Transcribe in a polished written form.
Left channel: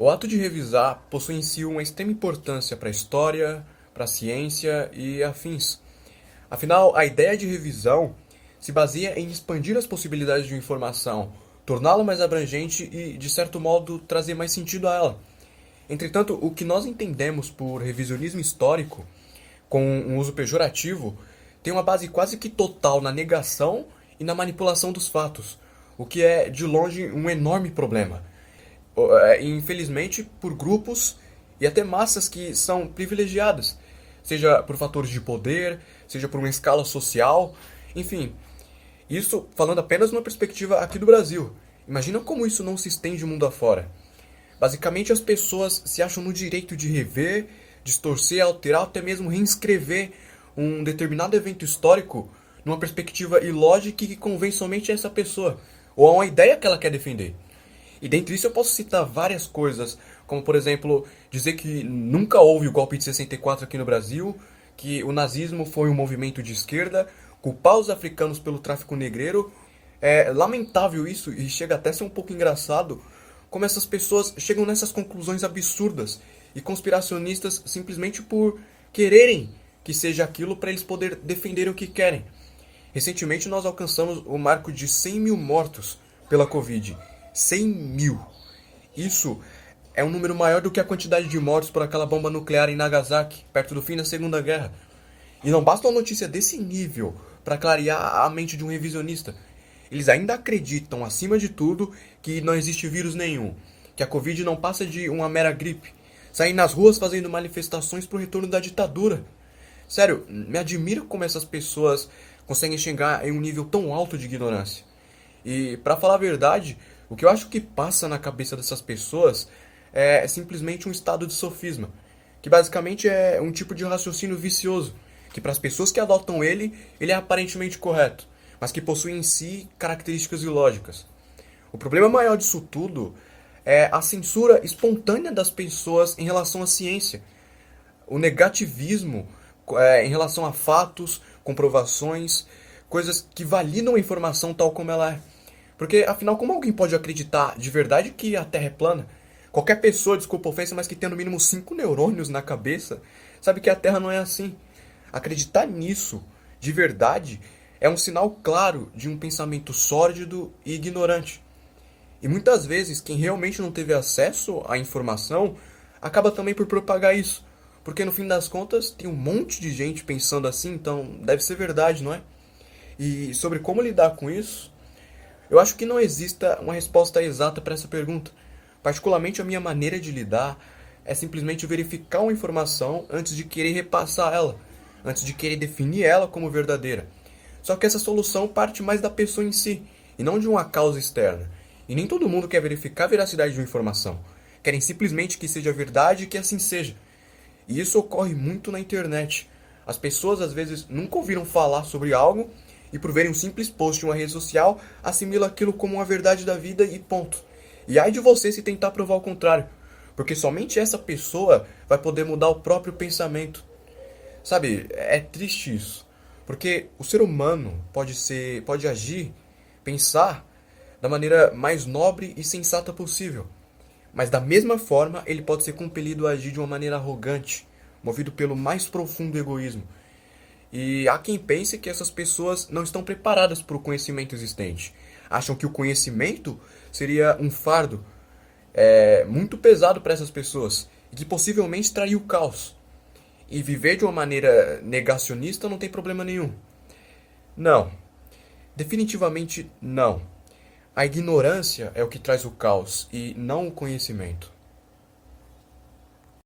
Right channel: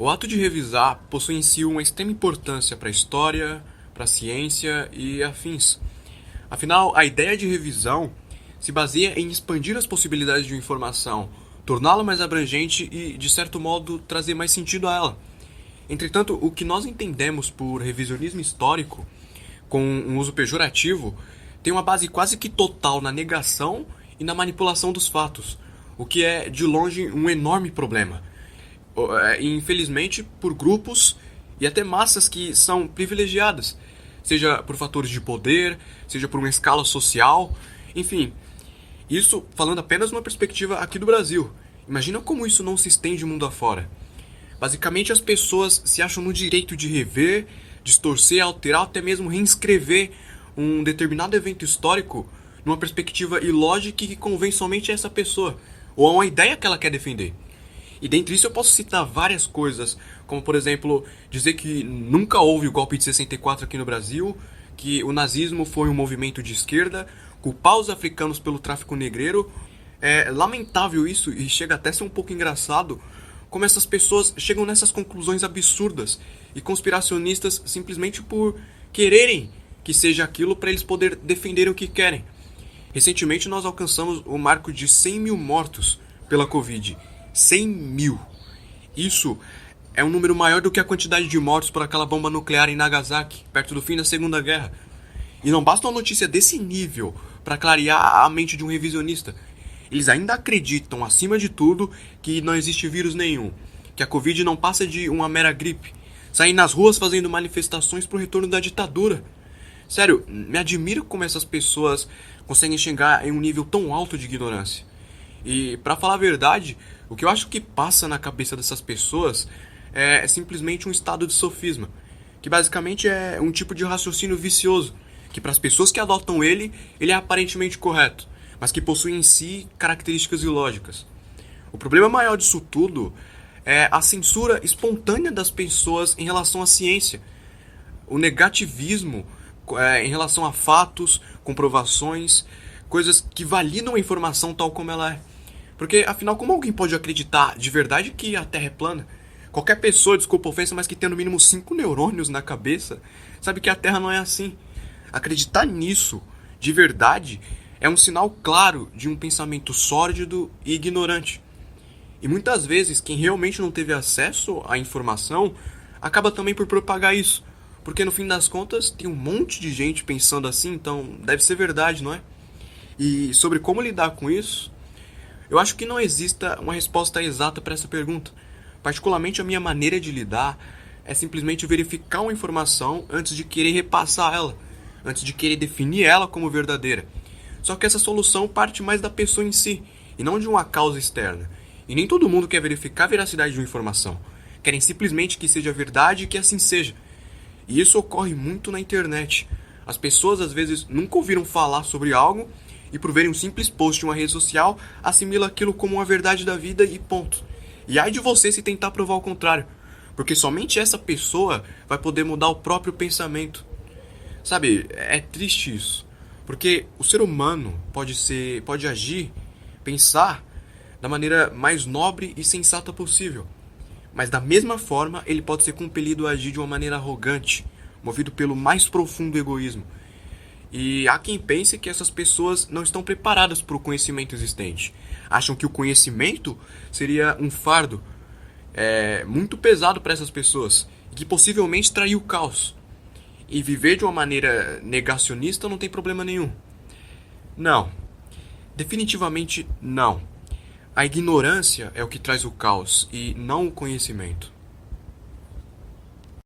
O ato de revisar possui em si uma extrema importância para a história, para a ciência e afins. Afinal, a ideia de revisão se baseia em expandir as possibilidades de uma informação, torná-la mais abrangente e, de certo modo, trazer mais sentido a ela. Entretanto, o que nós entendemos por revisionismo histórico, com um uso pejorativo, tem uma base quase que total na negação e na manipulação dos fatos, o que é, de longe, um enorme problema. Infelizmente, por grupos e até massas que são privilegiadas, seja por fatores de poder, seja por uma escala social, enfim. Isso falando apenas numa perspectiva aqui do Brasil. Imagina como isso não se estende mundo afora. Basicamente, as pessoas se acham no direito de rever, distorcer, alterar, até mesmo reescrever um determinado evento histórico numa perspectiva ilógica que convém somente a essa pessoa, ou a uma ideia que ela quer defender. E dentre isso eu posso citar várias coisas, como por exemplo, dizer que nunca houve o golpe de 64 aqui no Brasil, que o nazismo foi um movimento de esquerda, culpar os africanos pelo tráfico negreiro. É lamentável isso e chega até a ser um pouco engraçado como essas pessoas chegam nessas conclusões absurdas e conspiracionistas simplesmente por quererem que seja aquilo para eles poderem defender o que querem. Recentemente nós alcançamos o marco de 100 mil mortos pela Covid. 100 mil. Isso é um número maior do que a quantidade de mortos por aquela bomba nuclear em Nagasaki, perto do fim da Segunda Guerra. E não basta uma notícia desse nível para clarear a mente de um revisionista. Eles ainda acreditam, acima de tudo, que não existe vírus nenhum, que a Covid não passa de uma mera gripe, saem nas ruas fazendo manifestações pro retorno da ditadura. Sério, me admira como essas pessoas conseguem chegar em um nível tão alto de ignorância. E, pra falar a verdade, o que eu acho que passa na cabeça dessas pessoas é simplesmente um estado de sofisma, que basicamente é um tipo de raciocínio vicioso, que para as pessoas que adotam ele é aparentemente correto, mas que possui em si características ilógicas. O problema maior disso tudo é a censura espontânea das pessoas em relação à ciência, o negativismo em relação a fatos, comprovações, coisas que validam a informação tal como ela é. Porque, afinal, como alguém pode acreditar de verdade que a Terra é plana? Qualquer pessoa, desculpa a ofensa, mas que tem no mínimo 5 neurônios na cabeça, sabe que a Terra não é assim. Acreditar nisso, de verdade, é um sinal claro de um pensamento sórdido e ignorante. E muitas vezes, quem realmente não teve acesso à informação acaba também por propagar isso. Porque no fim das contas, tem um monte de gente pensando assim, então deve ser verdade, não é? E sobre como lidar com isso, eu acho que não exista uma resposta exata para essa pergunta. Particularmente, a minha maneira de lidar é simplesmente verificar uma informação antes de querer repassar ela, antes de querer definir ela como verdadeira. Só que essa solução parte mais da pessoa em si, e não de uma causa externa. E nem todo mundo quer verificar a veracidade de uma informação. Querem simplesmente que seja verdade e que assim seja. E isso ocorre muito na internet. As pessoas às vezes nunca ouviram falar sobre algo e por verem um simples post em uma rede social, assimila aquilo como uma verdade da vida e ponto. E ai de você se tentar provar o contrário, porque somente essa pessoa vai poder mudar o próprio pensamento. Sabe, é triste isso, porque o ser humano pode agir, pensar da maneira mais nobre e sensata possível. Mas da mesma forma, ele pode ser compelido a agir de uma maneira arrogante, movido pelo mais profundo egoísmo. E há quem pense que essas pessoas não estão preparadas para o conhecimento existente. Acham que o conhecimento seria um fardo muito pesado para essas pessoas e que possivelmente traria o caos. E viver de uma maneira negacionista não tem problema nenhum. Não. Definitivamente não. A ignorância é o que traz o caos e não o conhecimento.